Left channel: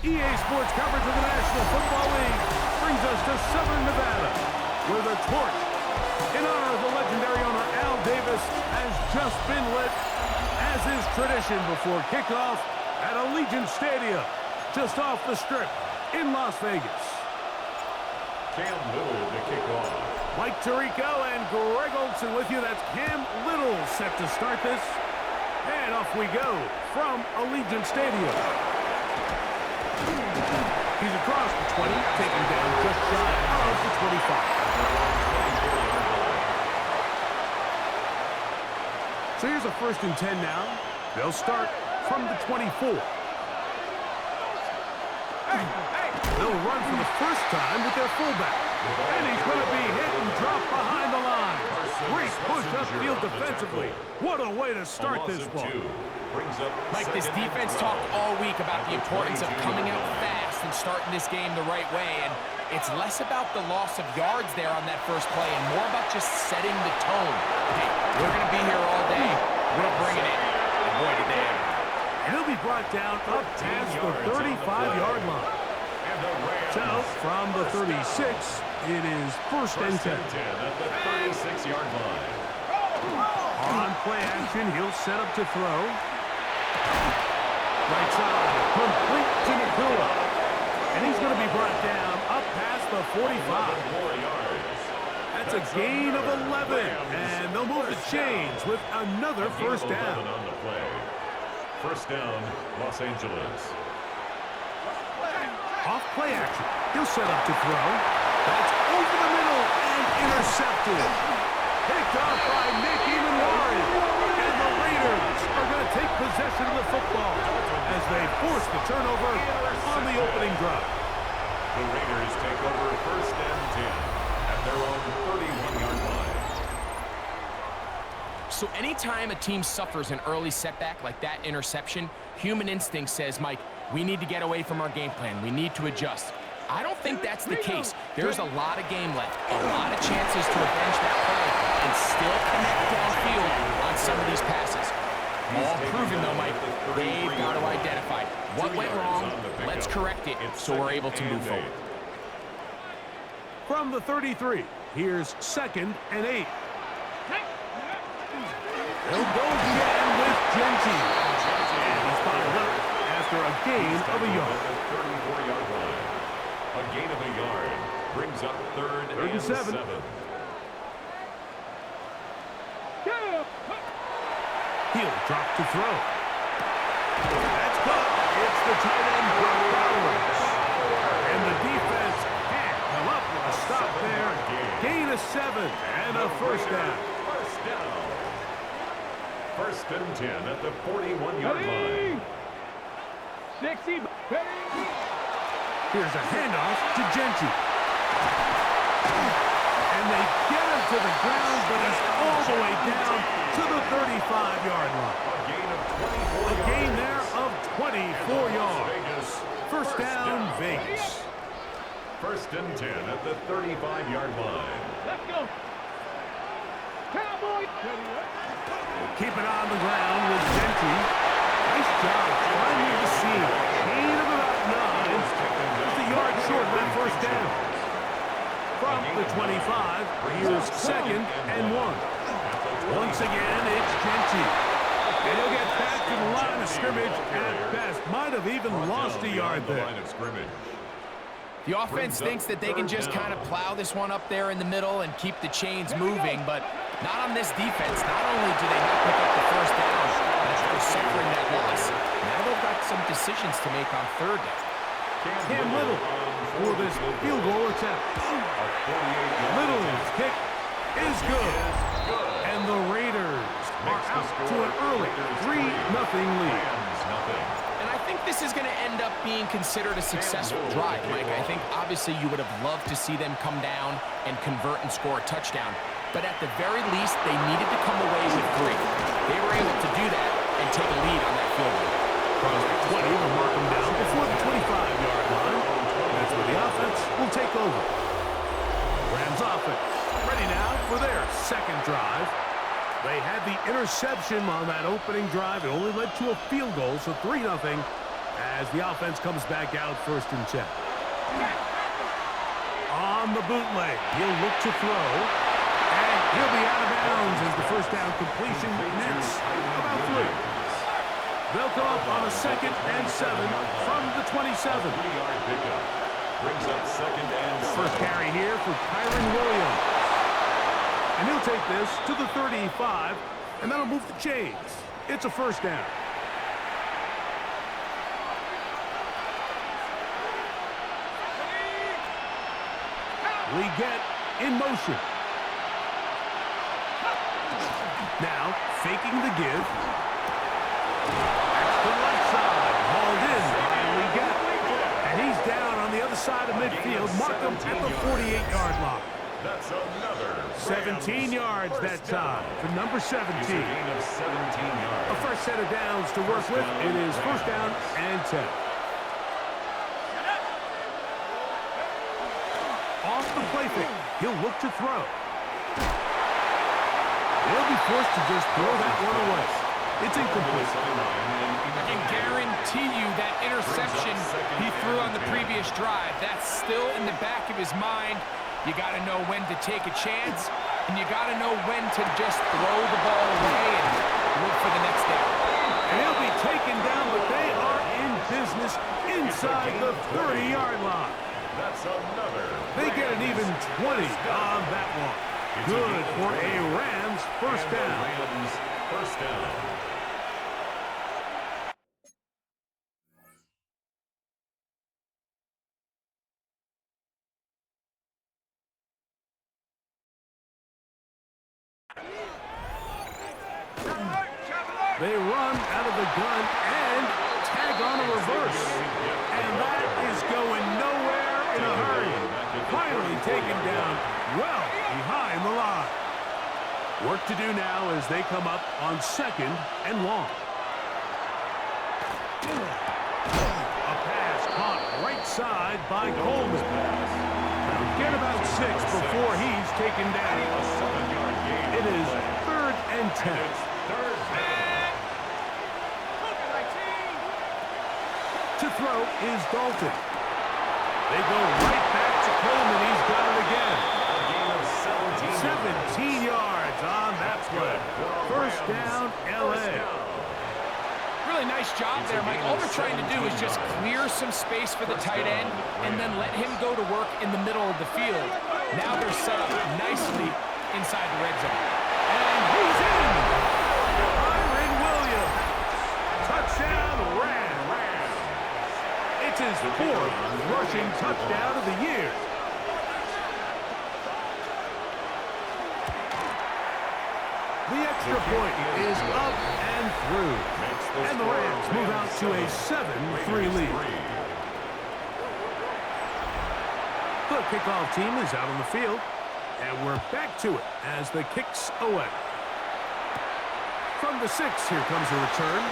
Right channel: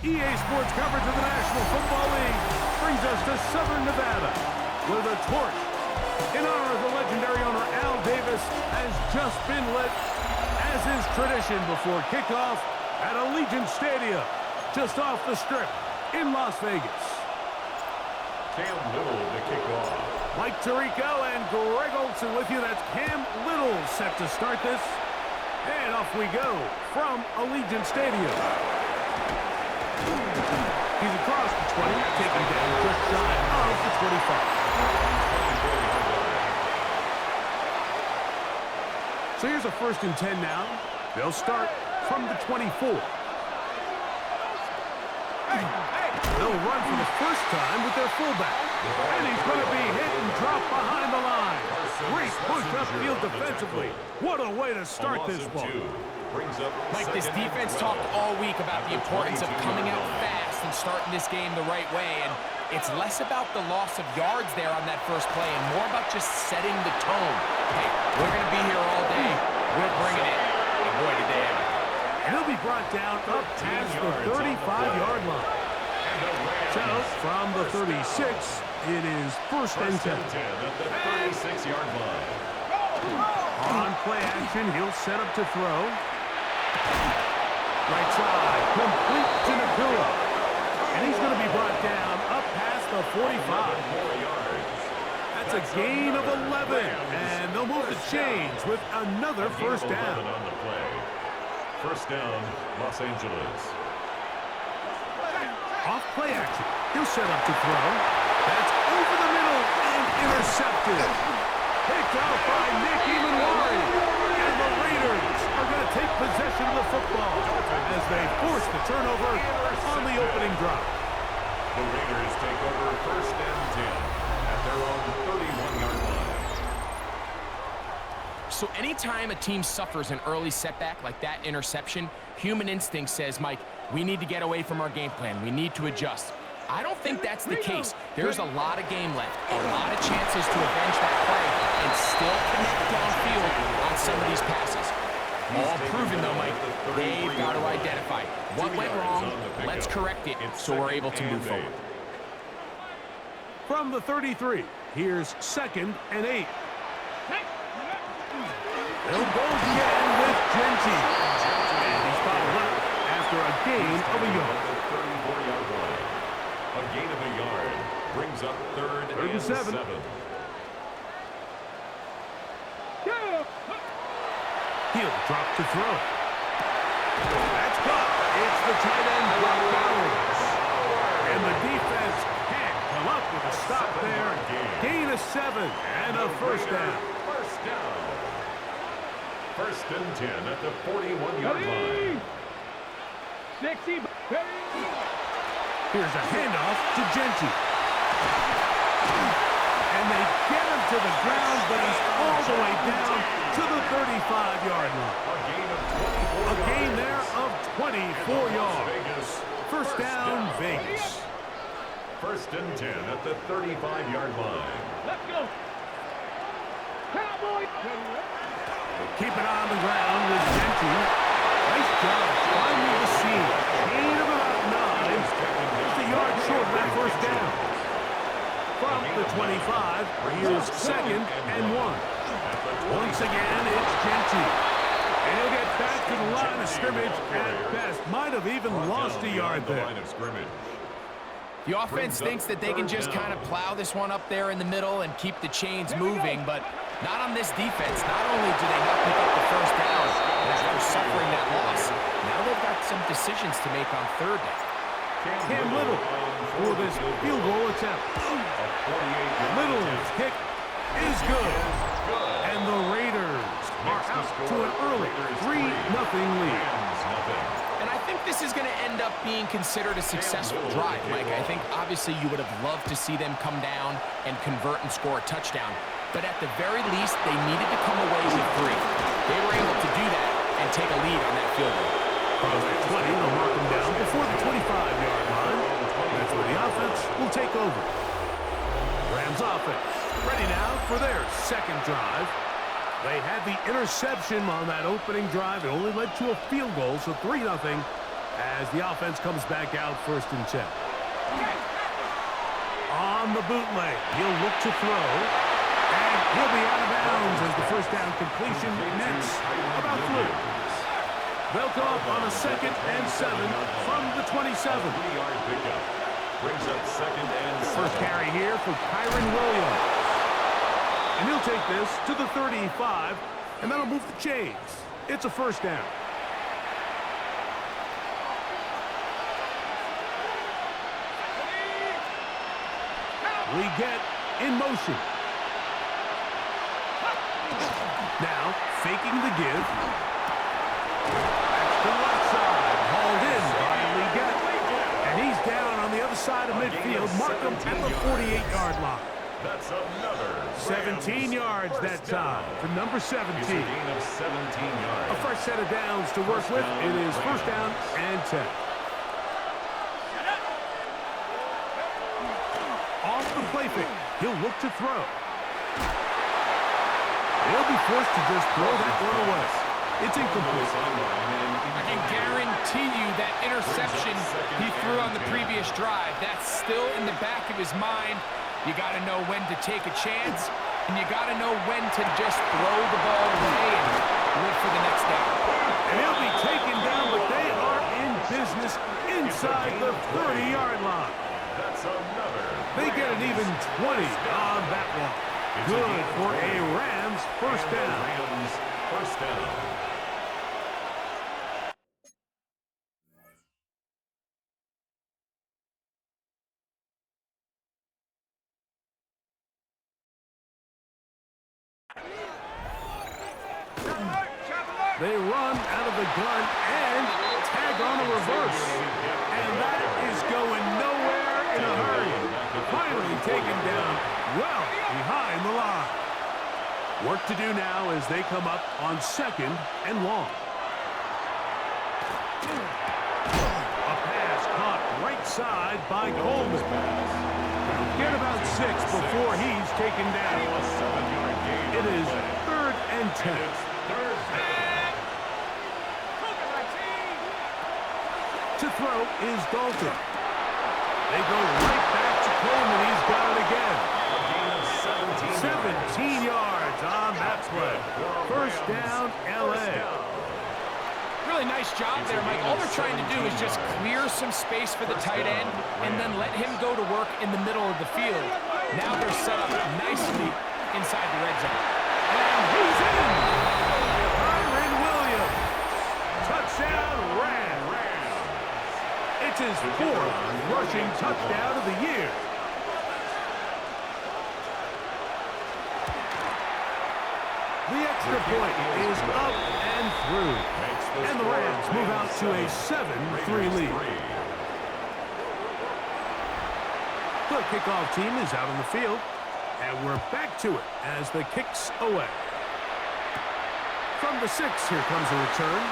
EA Sports coverage of the National Football League brings us to Southern Nevada, where the torch, in honor of the legendary owner Al Davis, has just been lit, as is tradition before kickoff at Allegiant Stadium, just off the Strip in Las Vegas. Cam Little to kick off. Mike Tirico and Greg Olson with you. That's Cam Little set to start this. And off we go from Allegiant Stadium. He's across the 20, taken down just shy of the 25. So here's a 1st and 10 now. They'll start from the 24. They'll run for the first time with their fullback. And he's going to be hit and dropped behind the line. Great push upfield defensively. What a way to start this one. Mike, this defense talked all week about the importance of coming out fast and starting this game the right way. And it's less about the loss of yards there on that first play and more about just setting the tone. Hey, we're going to be here all day. We're bringing it. And boy, did they ever. And he'll be brought down up past the 35-yard line. So, from the 36, it is 1st and 10. At the 36-yard line. On play action, he'll set up to throw. Right side, complete to Nakua. And he's going to be brought down up past the 45. That's a gain of 11. And they'll move the chains with another 1st down. On the play. 1st down, Los Angeles. Off play action. He'll set up to throw. That's over the middle and intercepted. Picked up by Nick Emanwari. And the Raiders are going to take possession of the football as they force the turnover on the opening drive. The Raiders take over 1st and 10 at their own 31-yard line. So anytime a team suffers an early setback like that interception, human instinct says, Mike, we need to get away from our game plan. We need to adjust. I don't think that's the case. There's a lot of game left, a lot of chances to avenge that play and still connect downfield on some of these passes. All proven, though, Mike, they've got to identify what went wrong. Let's correct it so we're able to move forward. From the 33, here's 2nd and 8. They'll go again with Genty. And he's bottled up after a gain of a yard. The 34-yard line. A gain of a yard brings up 3rd and 7. He'll drop to throw. That's caught. It's the tight end, Brock Bowers. And the defense can't come up with a stop there. Gain of 7 and a 1st down. 1st down. 1st and 10 at the 41-yard line. 60. Here's a handoff to Genty. And they get him to the ground, but he's all the way down to the 35-yard line. A gain there of 24 yards. 1st down, Vegas. 1st and 10 at the 35-yard line. Let's go. Cowboy. Keep it on the ground with Genty. Nice job finding the seam. Gain of about 9. Just a yard short of that 1st down. From the 25, here's 2nd and 1. Once again, it's Genty. And he'll get back to the line of scrimmage at best. Might have even lost a yard there. The offense thinks that they can just kind of plow this one up there in the middle and keep the chains moving, but not on this defense. Not only do they not pick up the 1st down, but after suffering that loss, now they've got some decisions to make on 3rd down. Cam Little for this field goal attempt. Little's kick is good. And the Raiders are out to an early 3-0 lead. And I think this is going to end up being considered a successful drive, Mike. I think obviously you would have loved to see them come down and convert and score a touchdown. But at the very least, they needed to come away with 3. They were able to do that and take a lead on that field goal. Across the 20, they'll mark them down before the 25-yard line. That's where the offense will take over. Rams offense ready now for their 2nd drive. They had the interception on that opening drive. It only led to a field goal, so 3-0 as the offense comes back out 1st and 10. On the bootleg, he'll look to throw, and he'll be out of bounds as the first down completion nets about 3. They'll go up on a 2nd and 7 from the 27. 3-yard pickup. Brings up 2nd and 7. First carry here for Kyron Williams. And he'll take this to the 35, and that'll move the chains. It's a first down. We get in motion. Now, faking the give. That's to the left side. Hauled in by Leggett. And he's down on the other side of midfield. Mark him at the 48-yard line. That's another 17 yards that time for number 17. It's a gain of 17 yards. A first set of downs to work with. It is first down and 10. Off the play fake. He'll look to throw. He'll be forced to just throw that one away. It's incomplete. I can guarantee you that interception he threw on the previous drive, that's still in the back of his mind. You got to know when to take a chance, and you got to know when to just throw the ball away and live for the next down. And he'll be taken down, but they are in business inside the 30-yard line. That's another. They get an even 20 on that one. Good for a Rams first down. Rams first down. They run out of the gun and tag on a reverse. And that is going nowhere in a hurry. Finally taken down well behind the line. Work to do now as they come up on 2nd and long. A pass caught right side by Coleman. Get about 6 before he's taken down. A 7-yard gain. It is 3rd and 10. It's 3rd down. To throw is Dalton. They go right back to Coleman. He's got it again. A gain of 17 yards on that play. First down, L.A. Really nice job there, Mike. All they're trying to do is just clear some space for the tight end and then let him go to work in the middle of the field. Now they're set up nicely inside the red zone. And he's in. Kyron Williams. Touchdown, Rams. It's his 4th rushing touchdown of the year. The extra point is up and through. And the Rams move out to a 7-3 lead. The kickoff team is out on the field. And we're back to it as the kick's away. From the 6, here comes a return.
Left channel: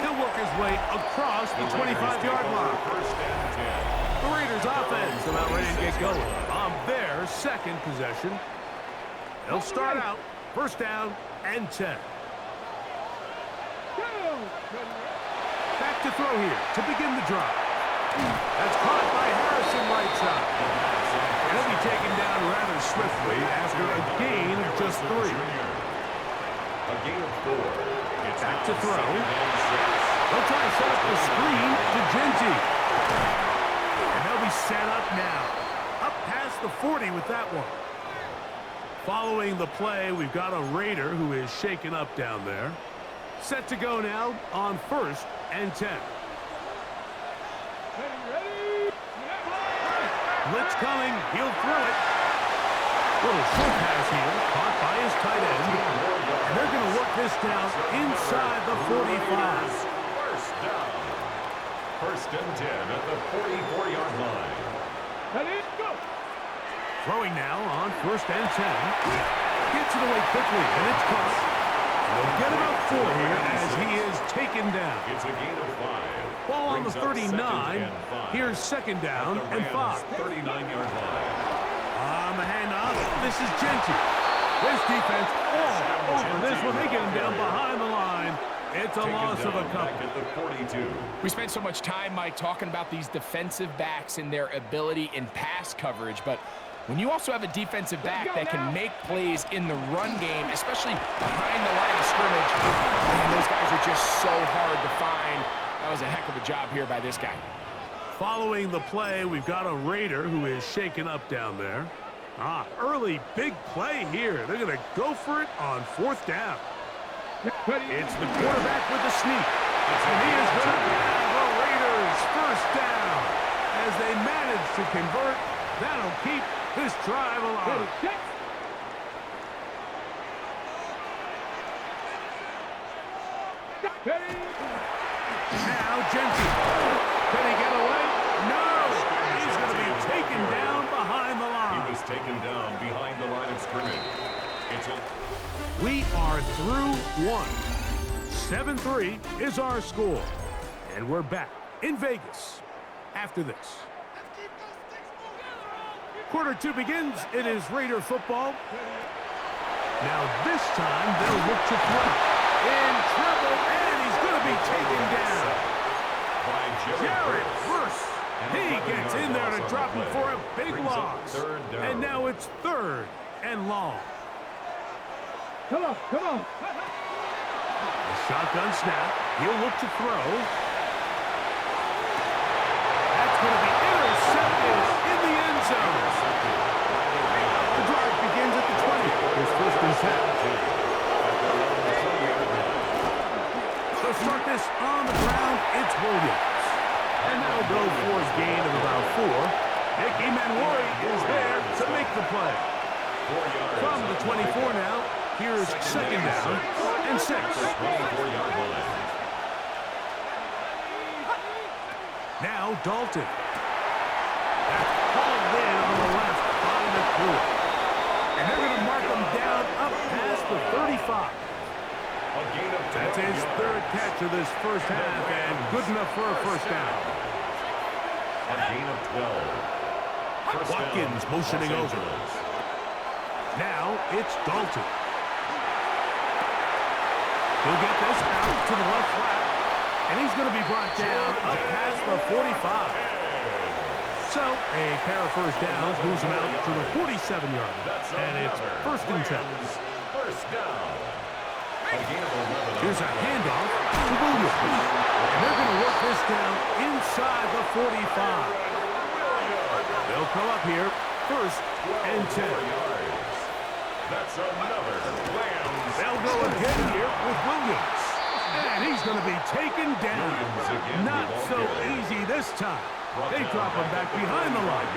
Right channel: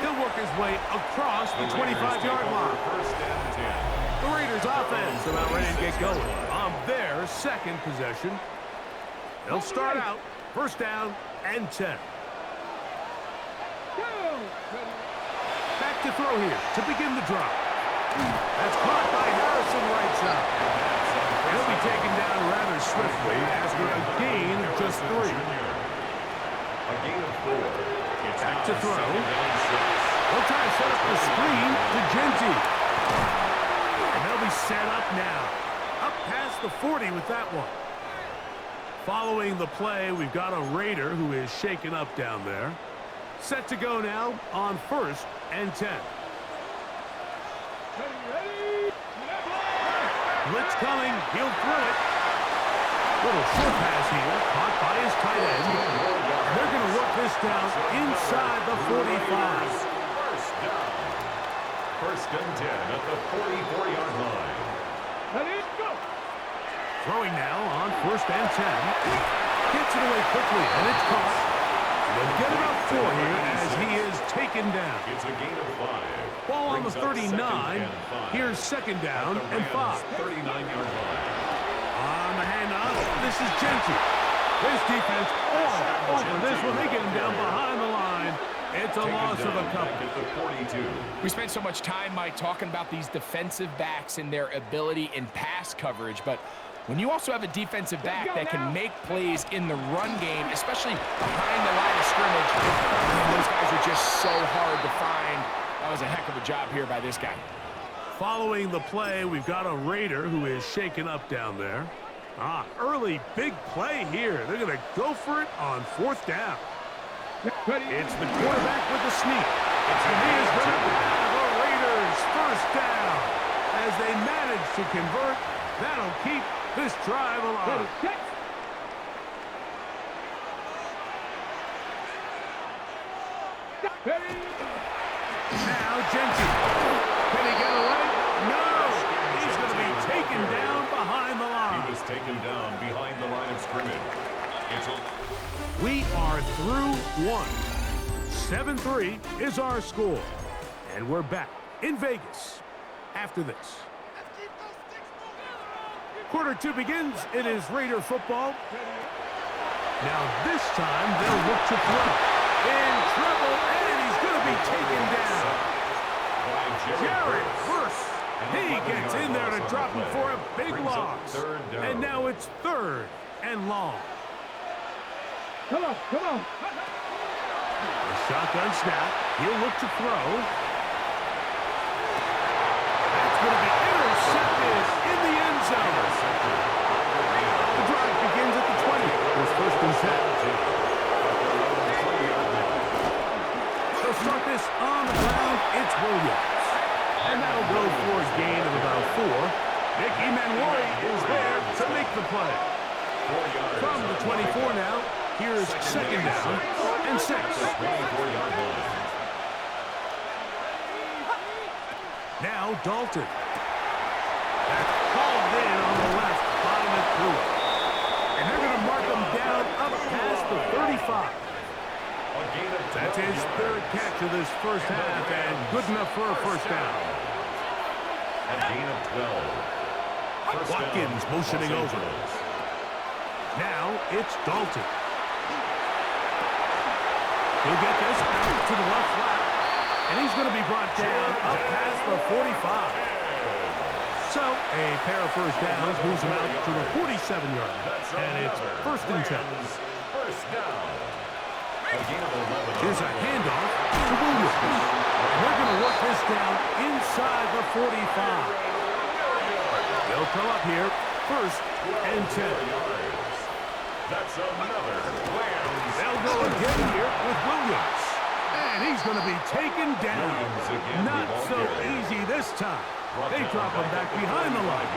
He'll work his way across the 25-yard line. First and 10. The Raiders offense about ready to get going on their 2nd possession. They'll start out first down and 10. Back to throw here to begin the drive. That's caught by Harrison right side. He'll be taken down rather swiftly after a gain of just 3. A gain of 4. It's back to throw. They'll try to set up the screen to Genty. And they'll be set up now. Up past the 40 with that one. Following the play, we've got a Raider who is shaken up down there. Set to go now on 1st and 10. Blitz coming. He'll throw it. Little short pass here, caught by his tight end. And they're going to work this down inside the 45. First down. First and 10 at the 44-yard line. Throwing now on 1st and 10. Gets it away quickly, and it's caught. And they'll get about 4 here as he is taken down. It's a gain of 5. Ball on the 39. Here's 2nd down and 5. 39-yard line. On the handoff, this is Genty. This defense all over this one. They get him down behind the line. It's a loss of a couple. At the 42. We spent so much time, Mike, talking about these defensive backs and their ability in pass coverage, but when you also have a defensive back that can make plays in the run game, especially behind the line of scrimmage, man, those guys are just so hard to find. That was a heck of a job here by this guy. Following the play, we've got a Raider who is shaken up down there. Early big play here. They're going to go for it on 4th down. It's the quarterback with the sneak. And he is going to have a Raiders first down. As they manage to convert, that'll keep this drive alive. Now Jensen. Can he get away? No! He's going to be taken down behind the line. He was taken down behind the line of scrimmage. We are through one. 7-3 is our score. And we're back in Vegas after this. Quarter 2 begins. It is Raider football. Now this time they'll look to throw. In trouble, and he's going to be taken down. Jared Verse. He gets in there to drop him for a big loss. And now it's 3rd and long. Come on. The shotgun snap. He'll look to throw. That's going to be intercepted in the end zone. The drive begins at the 20. Here's 1st and 10. They'll start this on the ground. It's Williams. And that'll go for a gain of about 4. Nick Emanwari is there to make the play. From the 24 now. Here's 2nd down and 6. Now Dalton. That's hauled in on the left by Nakua. And they're going to mark him down up past the 35. That's his 3rd catch of this first half, and good enough for a first down. A gain of 12. Watkins motioning over. Now it's Dalton. He'll get this out to the left flat, and he's going to be brought down up past the 45. So a pair of first downs moves him out to the 47-yard line, and it's 1st and 10. First down. Here's a handoff to Williams, and they're going to work this down inside the 45. They'll come up here, 1st and 10. That's another Rams. They'll go again here with Williams. And he's going to be taken down. Not so easy this time. They drop him back behind the line.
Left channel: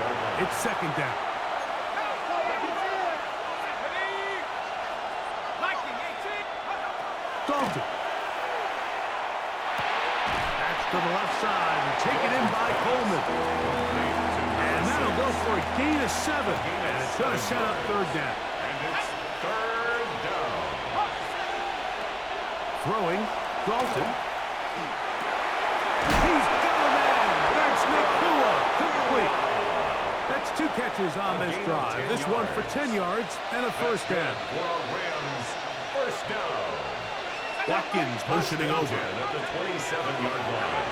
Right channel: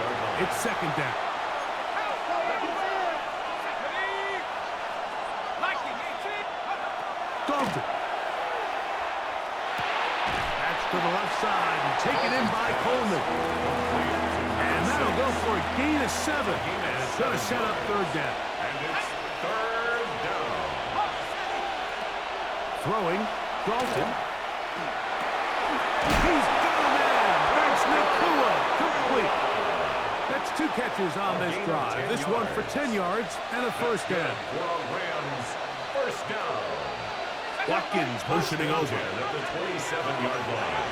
It's 2nd down. Dalton. That's to the left side and taken in by Coleman. And that'll go for a gain of 7. And it's going to set up 3rd down. And it's 3rd down. Throwing, Dalton. He's got a man. That's Nakua. Complete. That's 2 catches on this drive. This one for 10 yards and a first down. Rams, first down. Watkins motioning over. At the 27-yard line.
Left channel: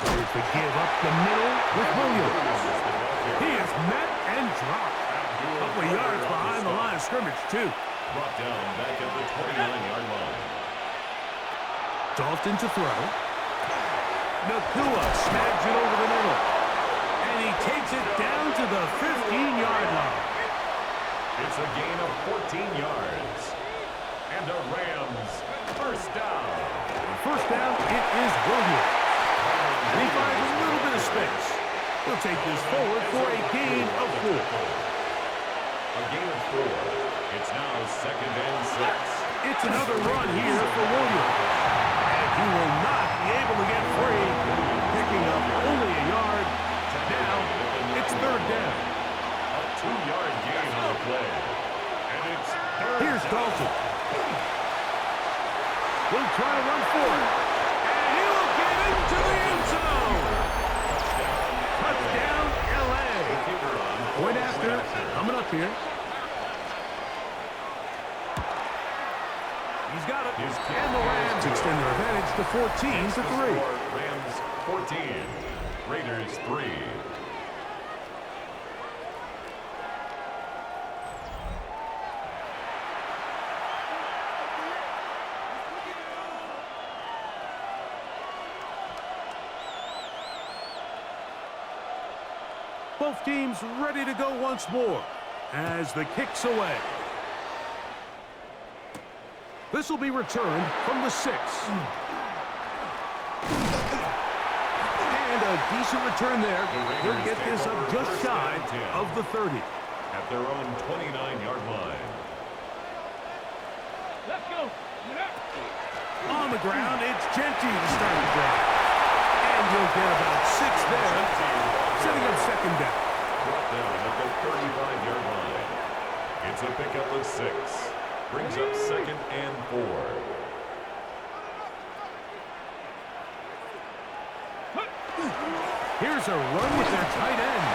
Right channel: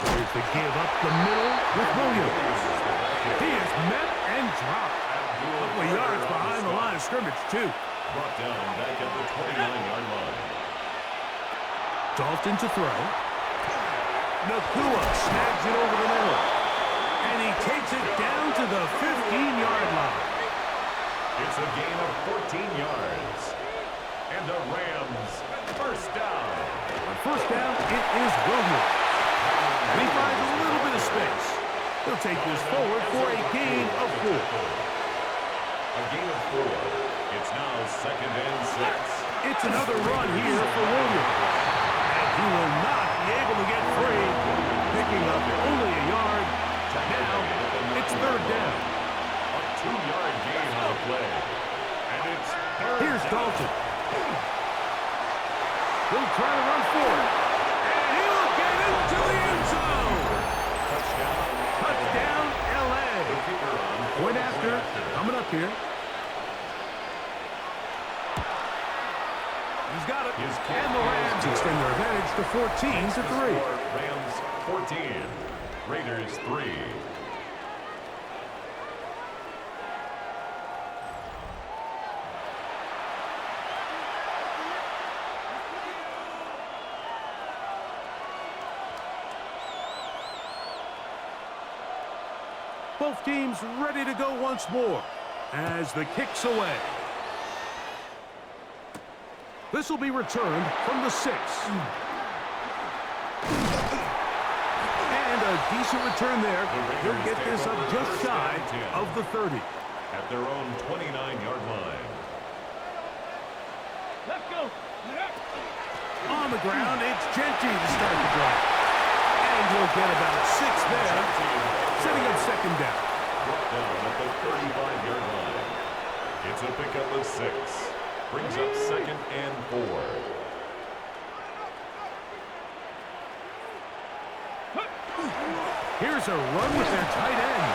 Here's the give up the middle with Williams. He is met and dropped. A couple of yards behind the line of scrimmage, too. Brought down back at the 29-yard line. Dalton to throw. Nakua snags it over the middle. And he takes it down to the 15-yard line. It's a gain of 14 yards. And the Rams, first down. On first down, it is Williams. And he finds a little bit of space. He'll take this forward for a gain of 4. A gain of 4. It's now 2nd and 6. It's another run here for Williams. And he will not be able to get free. Picking up only a yard. Now, it's 3rd down. A 2-yard gain on the play. And it's 3rd Here's down. Dalton. He'll try to run for it. And he will get into the end zone. Touchdown, L.A. Point after, coming up here. He's got it. His kick And the Rams is extend their advantage to 14 Makes to the 3. score Rams 14, Raiders 3. Both teams ready to go once more as the kick's away. This will be returned from the 6. And a decent return there. He'll get this up just shy of the 30. At their own 29-yard line. Let's go. On the ground, it's Genty to start the drive. And he'll get about 6 there, setting up second down. Brought down at the 35-yard line. It's a pickup of 6. Brings up second and 4. Here's a run with their tight end.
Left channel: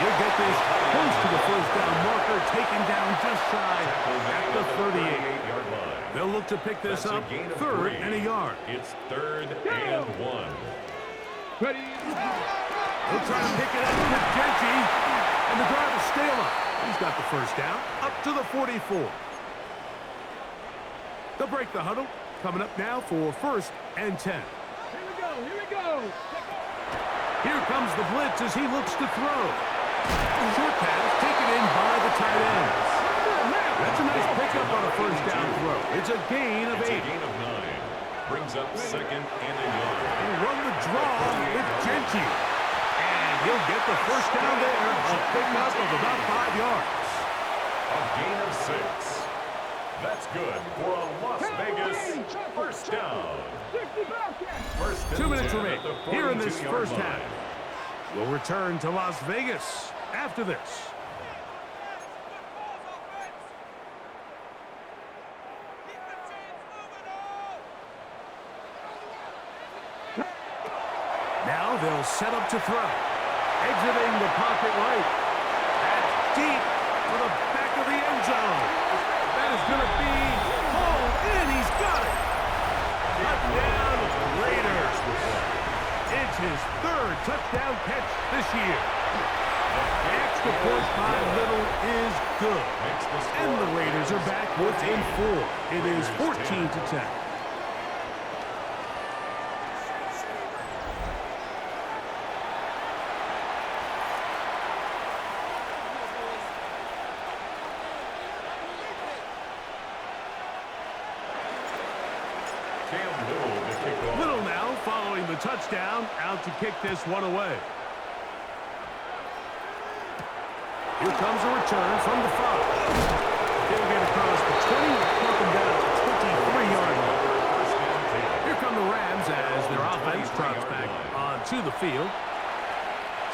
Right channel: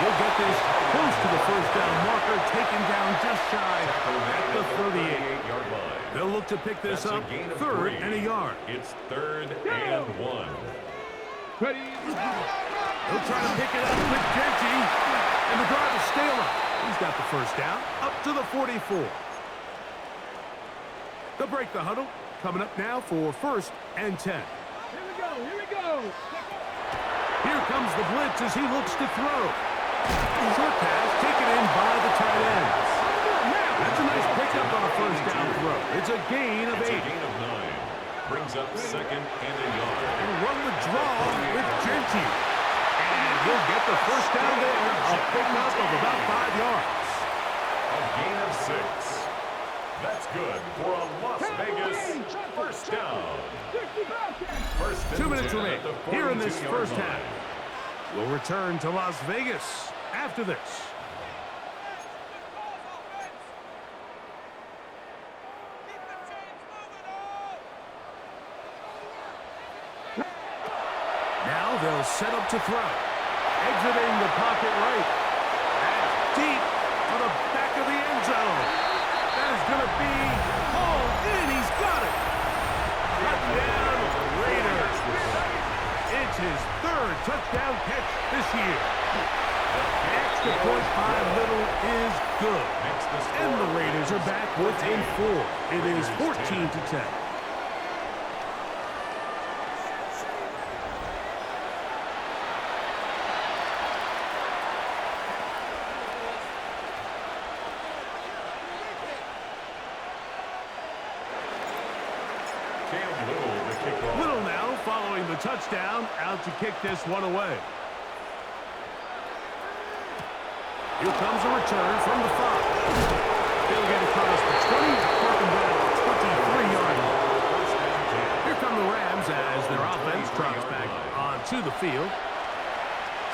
He'll get this close to the first down marker, taken down just shy at the 38-yard line. They'll look to pick this up, third and a yard. It's third and 1. Ready. They'll try to pick it up with Genty, and the drive will stay alive. He's got the first down, up to the 44. They'll break the huddle, coming up now for first and 10. Here we go. Here we go. Here comes the blitz as he looks to throw. Short pass taken in by the tight end. That's a nice pickup on a first down throw. It's a gain of 8. It's a gain of 9. Brings up second and a yard. And run the draw with Genty. And he'll get the first down there. A pickup of about 5 yards. A gain of 6. That's good for a Las Vegas first down. First and 2 minutes 10 remaining at the here in this 42-yard first line. half. We'll return to Las Vegas after this. Now they'll set up to throw. Exiting the pocket right. That's deep for the back of the end zone. That is going to be hauled in. He's got it. Touchdown, Raiders. It's his third touchdown catch this year. Extra point by Little is good. And the Raiders are back within 4. It is 14 to 10. Little now following the touchdown, out to kick this one away. Here comes a return from the 5. He'll get across the 20, mark him down at the 23-yard line. Here come the Rams as their offense trots back onto the field.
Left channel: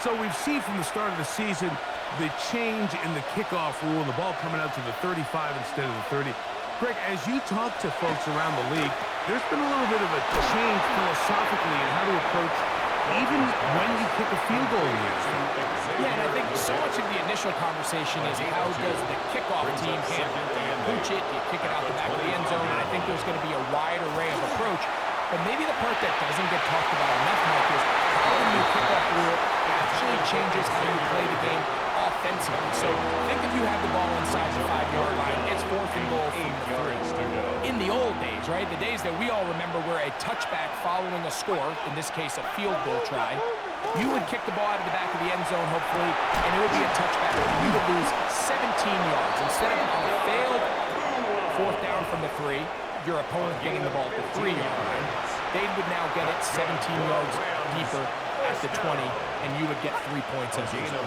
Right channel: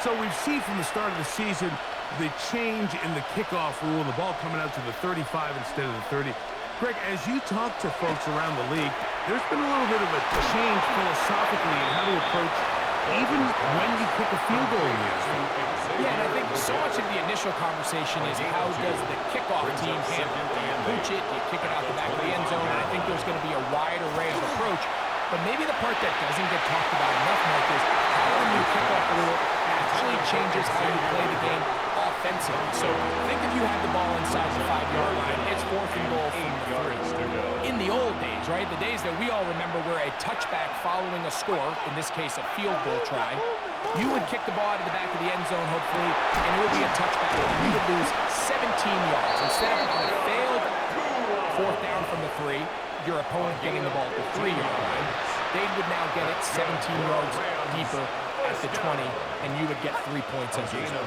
So we've seen from the start of the season the change in the kickoff rule, the ball coming out to the 35 instead of the 30. Greg, as you talk to folks around the league, there's been a little bit of a change philosophically in how to approach even when you kick a field goal in the NFL. Yeah, and I think so much of the initial conversation is how does the kickoff team handle it? Do you pooch it? Do you kick it out the back of the end zone? And I think there's going to be a wide array of approach. But maybe the part that doesn't get talked about enough, Mike, is how the new kickoff rule actually changes how you play the game offensively. So think if you have the ball inside the 5-yard line, it's 4th and goal from the 3. In the old days, right, the days that we all remember where a touchback following a score, in this case a field goal try, you would kick the ball out of the back of the end zone, hopefully, and it would be a touchback. You would lose 17 yards. Instead of on a failed 4th down from the 3, your opponent getting the ball at the 3-yard line, they would now get it 17 yards deeper at the 20, and you would get 3 points as a result.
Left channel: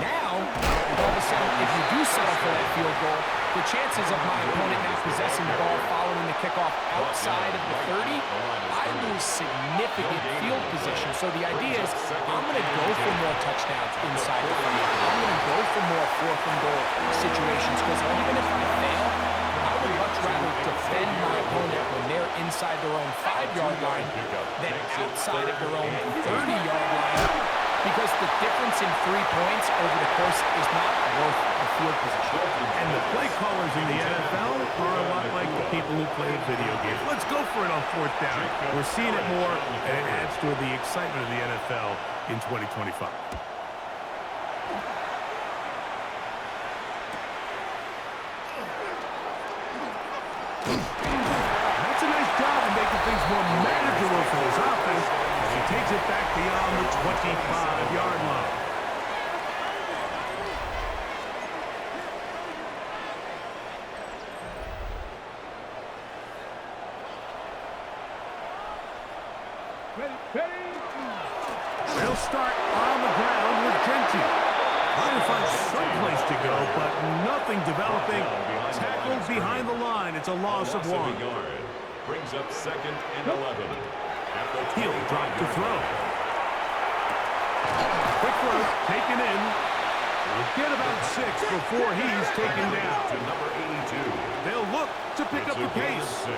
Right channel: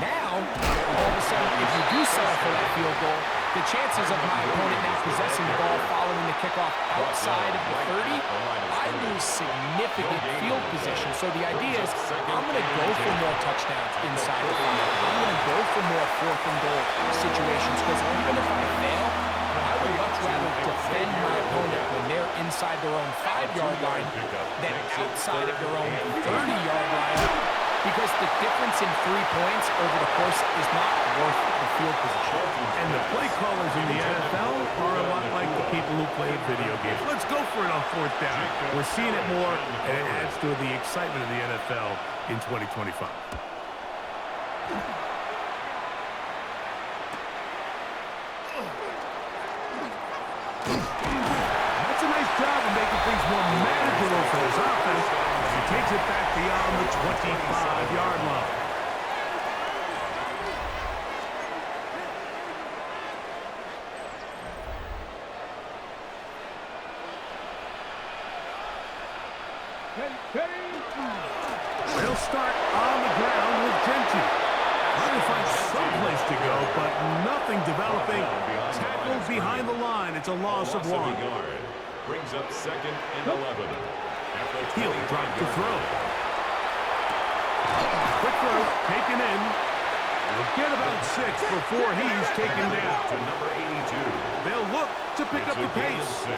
Now, all of a sudden, if you do settle for that field goal, the chances of my opponent now possessing the ball following the kickoff outside of the 30, I lose significant field position. So the idea is I'm going to go for more touchdowns inside the 5. I'm going to go for more 4th and goal situations, because even if I fail, I would much rather defend my opponent when they're inside their own 5-yard line than outside of their own 30-yard line, because the difference in 3 points over the course is not worth the field position. And the play callers in the NFL are a lot like the people who play video games. Let's go for it on fourth down. We're seeing it more, and it adds to the excitement of the NFL in 2025. That's a nice job of making things more manageable for this offense as he takes it back beyond the 25-yard line. They'll start on the ground with Genty. Trying to find some place to go, but nothing developing. Tackled behind the line. It's a loss of 1. Brings up 2nd and 11. He'll drop to throw. Quick throw, taken in. He'll get about 6 before he's taken down. To number 82. They'll look to pick up the pace. 6.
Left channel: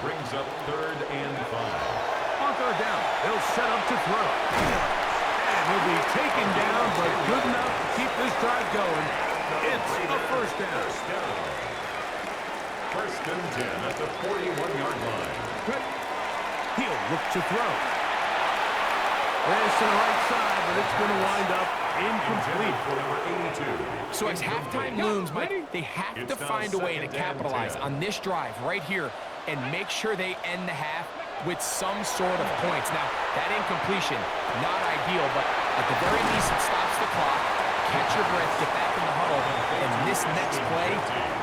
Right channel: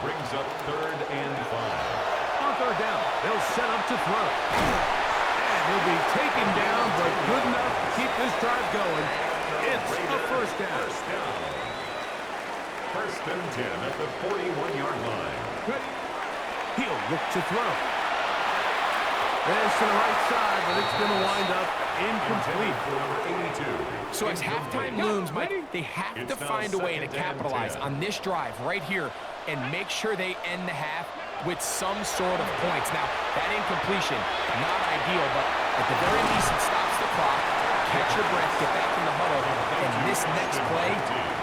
Brings up 3rd and 5. On third down, they'll set up to throw. And he'll be taken down, but good enough to keep this drive going. It's a first down. First and 10 at the 41-yard line. He'll look to throw. This to the right side, but it's going to wind up incomplete. For number 82. So as halftime looms, Mike, they have to find a way to capitalize on this drive right here and make sure they end the half with some sort of points. Now, that incompletion, not ideal, but at the very least, it stops the clock. Catch your breath, get back in the huddle, and this next play,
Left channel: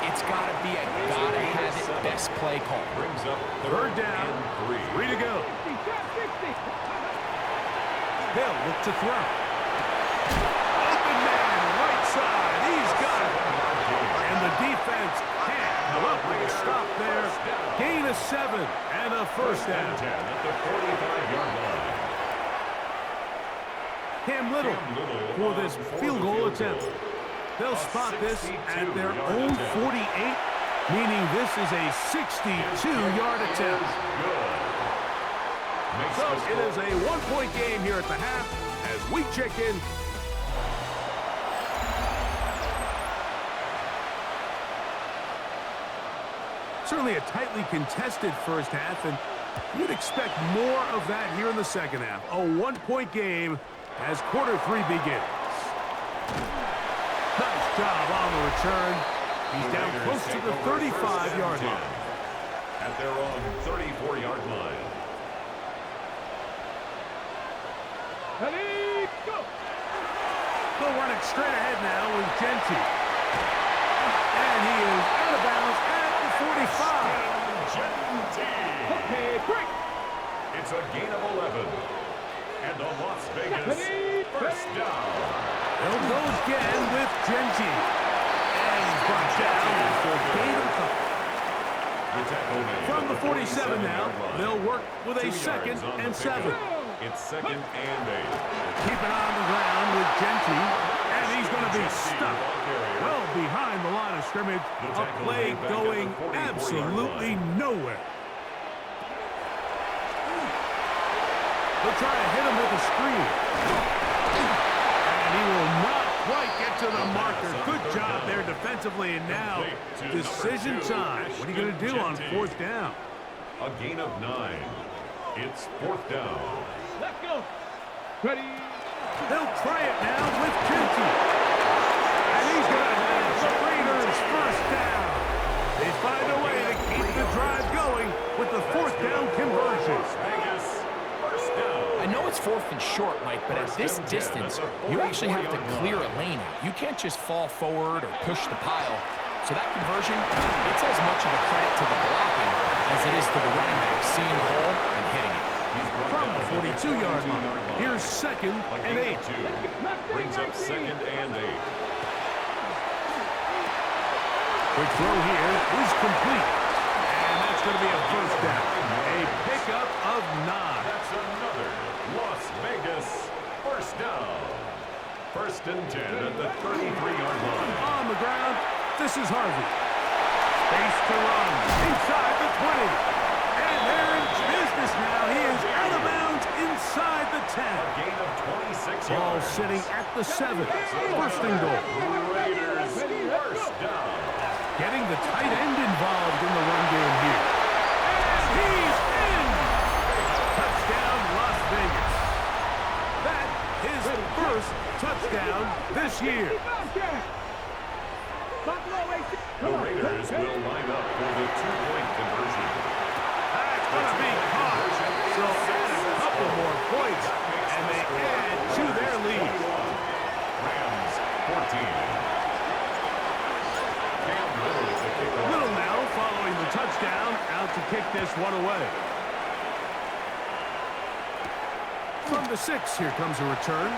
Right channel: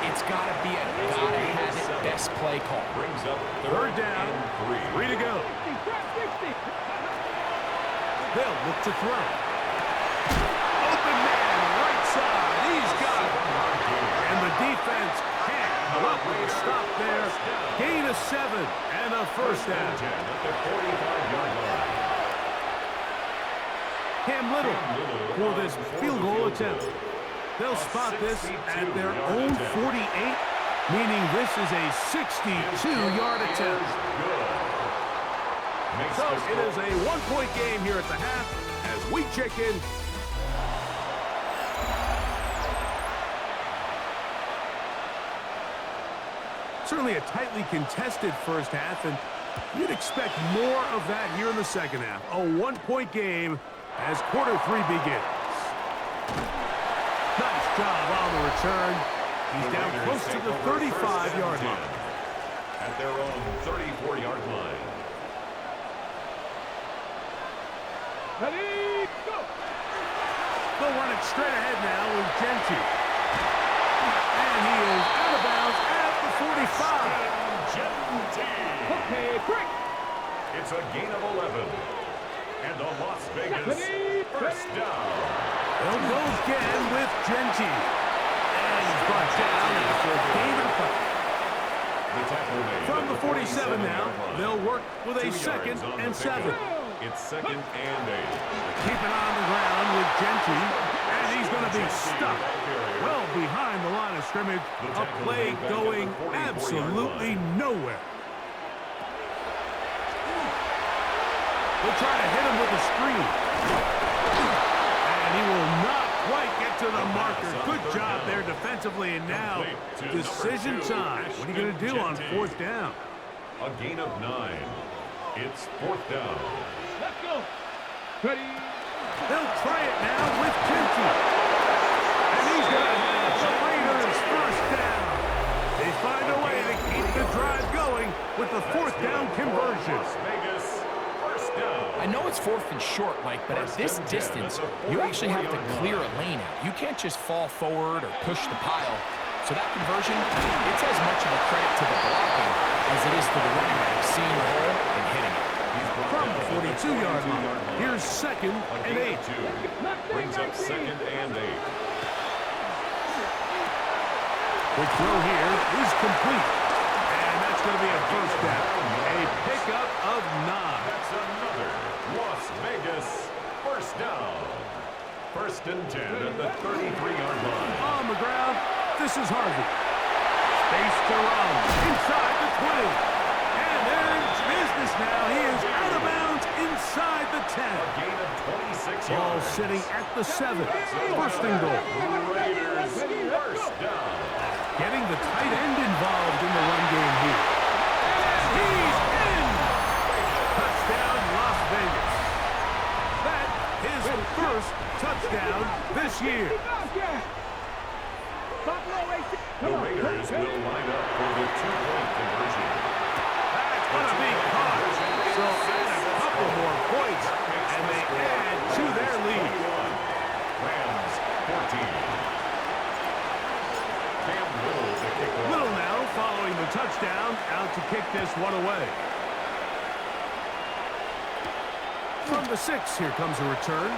it's got to be a gotta-have-it best play call. Brings up third down, 3 to go. They'll look to throw. Open man, right side, he's got it. And the defense can't come up with a stop there. Gain of 7 and a first down. 10 at the 45-yard line. Cam Little for this field goal attempt. They'll spot this at their own 48, meaning this is a 62-yard attempt. So it is a one-point game here at the half as we check in. Certainly a tightly contested first half, and you'd expect more of that here in the second half. A one-point game as quarter 3 begins. Nice job on the return. He's down close to the 35-yard line. At their own 34-yard line. Ready, go! They'll run it straight ahead now with Genty. And he is out of bounds at the 45. Okay, break! It's a gain of 11. And a Las Vegas first down. They'll go again with Genty. And he's brought down after a gain of a couple. From the 47 now, they'll work with a 2nd and 7. It's 2nd and 8. Keep it on the ground with Genty, and he's going to be stuck well behind the line of scrimmage. A play going absolutely nowhere. They'll try to hit him with a screen. And he will not quite get to the marker. Good job there defensively, and now decision time. What are you going to do on fourth down? A gain of 9. It's 4th down. Let's go! Ready? They'll try it now with Genty. And he's going to have the Raiders first down. They find a way to keep the drive going with the 4th down conversion. Las Vegas first down. I know it's 4th and short, Mike, but at this distance, you actually have to clear a lane out. You can't just fall forward or push the pile. So that conversion, it's as much of a credit to the blocking as it is to the running back seeing the hole and hitting it. From the 42-yard line, here's 2nd and 8. Brings up 2nd and 8. Quick throw here is complete. And that's going to be a first down. A pickup of 9. That's another Las Vegas first down. 1st and 10 at the 33-yard line. On the ground, this is Harvey. Space to run inside the 20. And they're in business now. He is out of bounds inside the 10. A gain of 26 Ball yards. sitting at the 7. First and goal. Raiders first down. Getting the tight end involved in the run game here. And he's in! Touchdown, Las Vegas. That his first touchdown this year. The Raiders will line up for the two-point conversion. That's going to be caught. So add a couple more points, and they add to their lead. Rams 14. Cam Little to kick off. Little now following the touchdown, out to kick this one away. From the 6, here comes a return.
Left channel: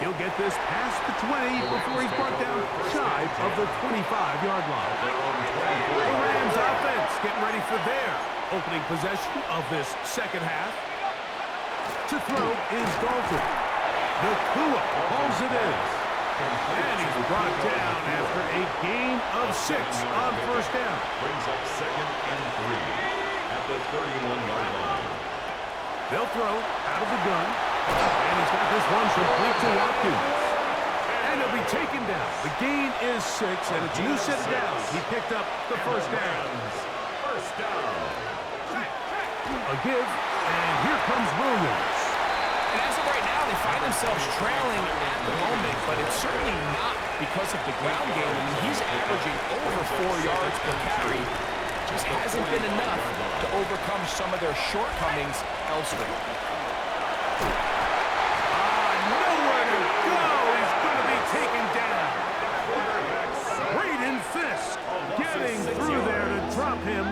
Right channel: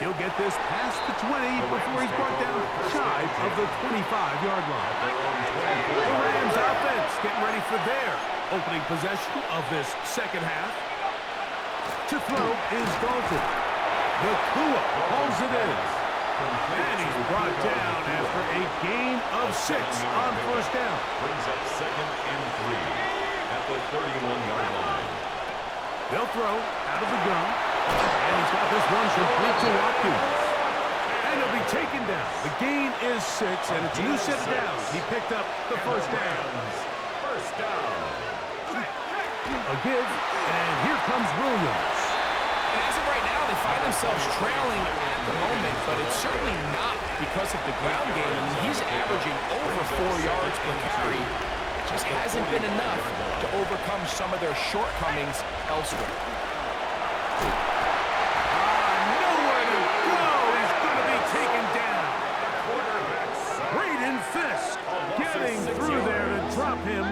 He'll get this past the 20 before he's brought down shy of the 25-yard line. The Rams offense getting ready for their opening possession of this second half. To throw is Dalton. Nakua hauls it in. And he's brought down after a gain of 6 on first down. Brings up 2nd and 3 at the 31-yard line. They'll throw out of the gun. And he's got this one complete to Watkins. And he'll be taken down. The gain is 6, and it's a new set of downs. He picked up the first down. First down. A give, and here comes Williams. And as of right now, they find themselves trailing at the moment, but it's certainly not because of the ground game. I mean, he's averaging over 4 yards per carry. Just hasn't been enough to overcome some of their shortcomings elsewhere. Nowhere to go. He's going to be taken down. Braden Fisk getting through there to drop him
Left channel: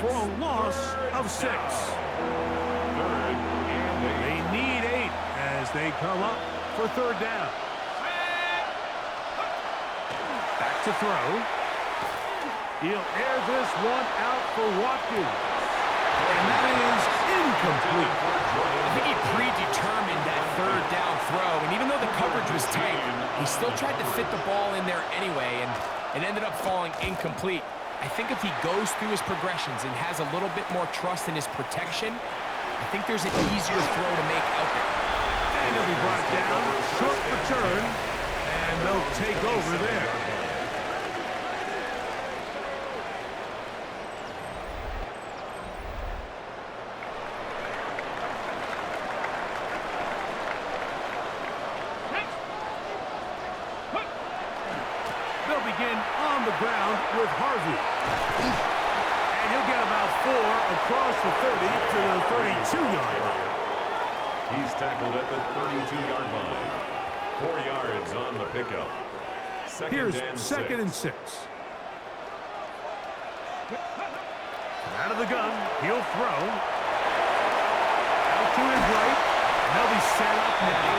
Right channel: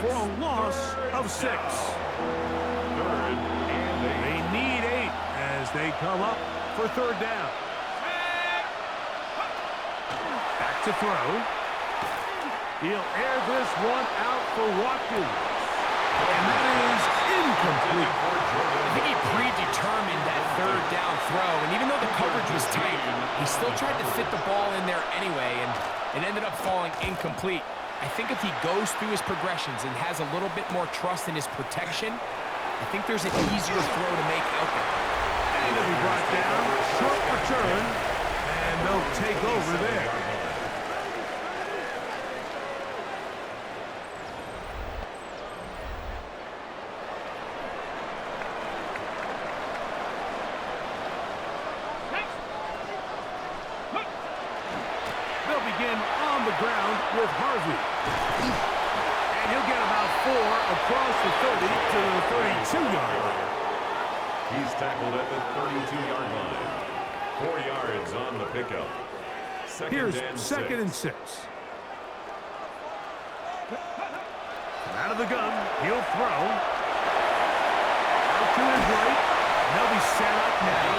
for a loss of 6. 3rd and 8. They need 8 as they come up for third down. Back to throw. He'll air this one out for Watkins. And that is incomplete. I think he predetermined that third down throw, and even though the coverage was tight, he still tried to fit the ball in there anyway, and it ended up falling incomplete. I think if he goes through his progressions and has a little bit more trust in his protection, I think there's an easier throw to make out there. And he'll be brought down, short return, and they'll take over there. They'll begin on the ground with Harvey. And he'll get about 4 across the 30 to the 32-yard line. He's tackled at the 32-yard line. 4 yards on the pickup. Here's 2nd and 6. From out of the gun, he'll throw. Out to his right. And they'll be set up now.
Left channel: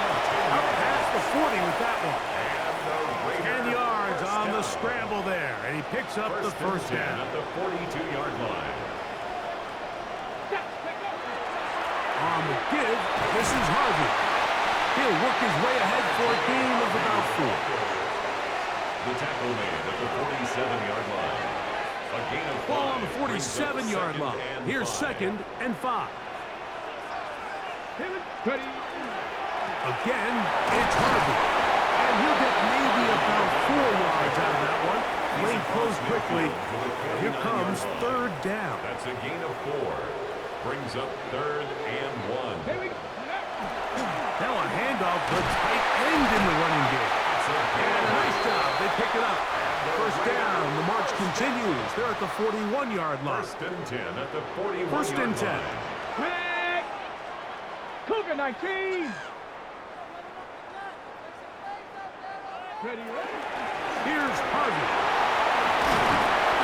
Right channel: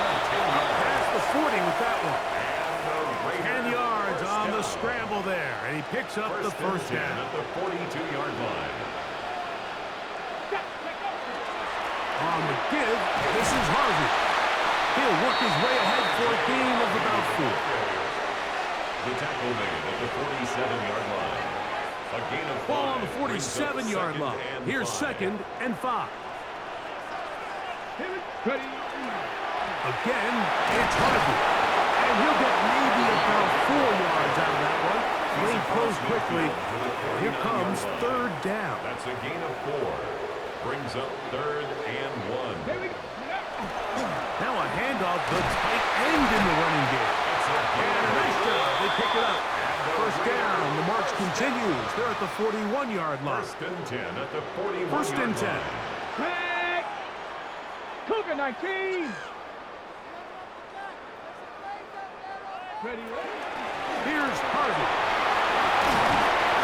Up past the 40 with that one. 10 yards on the scramble there, and he picks up the first down. At the 42-yard line. On the give, this is Harvey. He'll work his way ahead for a gain of about 4. The tackle made at the 47-yard line. A gain of 5. Ball on the 47-yard line. Here's 2nd and 5. Again, it's Harvey. And he'll get maybe about 4 yards out of that one. Lane closed quickly. Here comes third down. That's a gain of 4. Brings up 3rd and 1. Now a handoff, the tight end in the running game. And a nice job. They pick it up. First down. The march continues. They're at the 41-yard line. 1st and 10 at the 41-yard line. First and 10. Cougar 19. Ready. Here's Harvey.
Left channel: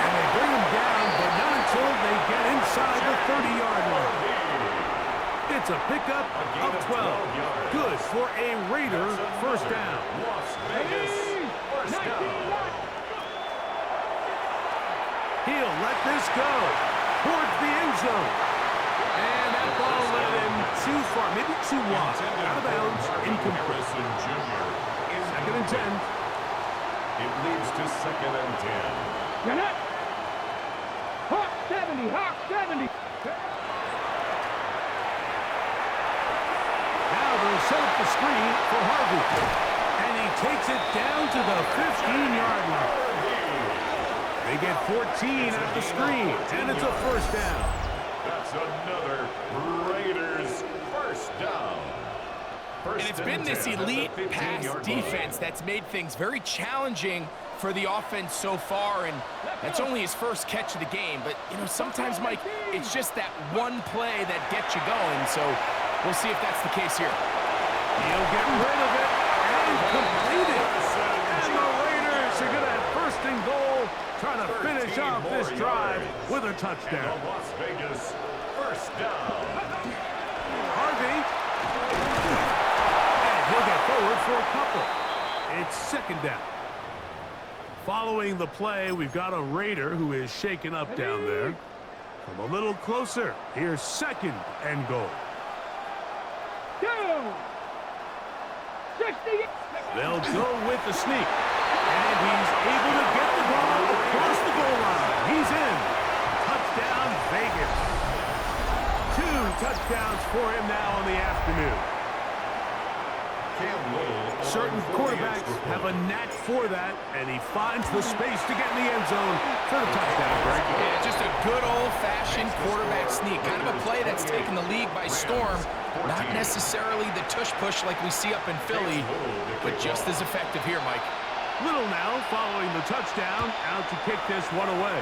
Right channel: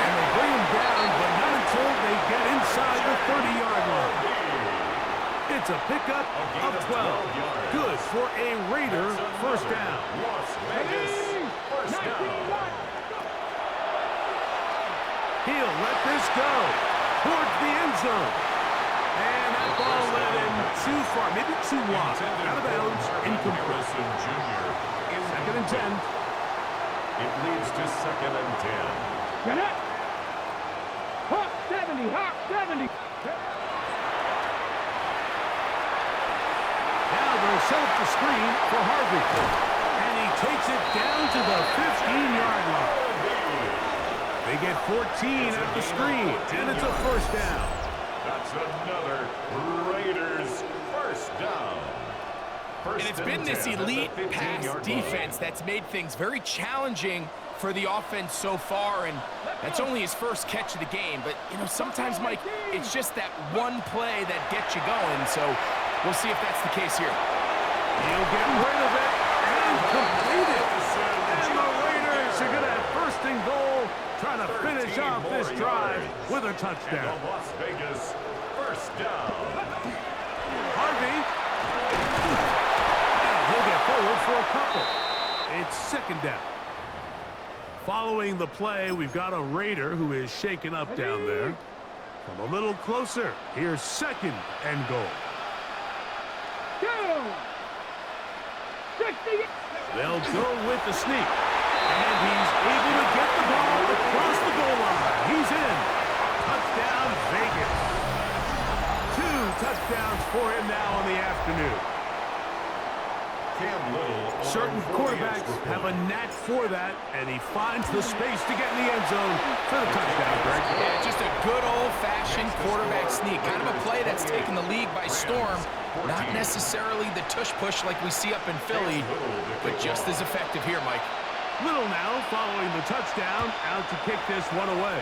And they bring him down, but not until they get inside the 30-yard line. It's a pickup of 12. yards. Good for a Raider first down. Las Vegas first down. He'll let this go towards the end zone. And that ball led him too far, maybe too wide. Out of bounds, incomplete. Jr. 2nd and 10. It leads to 2nd and 10. Get it. Hawk 70. Hawk 70. Now they'll set up the screen for Harvey. And he takes it down to the 15-yard line. They get 14 at the screen, and it's a first down. That's another Raiders first down. And it's been this elite pass defense that's made things very challenging for the offense so far, and that's only his first catch of the game. But, you know, sometimes, Mike, it's just that one play that gets you going, so we'll see if that's the case here. He'll get rid of it and complete it. And the Raiders are going to have first and goal, trying to finish off this drive with a touchdown. And the Las Vegas first down. Harvey. And he'll get forward for a couple. It's second down. Following the play, we've got a Raider who is shaken up down there. Come a little closer. Here's second and goal. They'll go with the sneak. And he's able to get the ball across the goal line. He's in. Touchdown, Vegas. 2 touchdowns for him now on the afternoon. Certain quarterbacks have a knack for that, and he finds the space to get in the end zone for the touchdown, Greg. Yeah, just a good old-fashioned quarterback sneak. Kind of a play that's taken the league by storm. Not necessarily the tush-push like we see up in Philly, but just as effective here, Mike. Little now following the touchdown, out to kick this one away.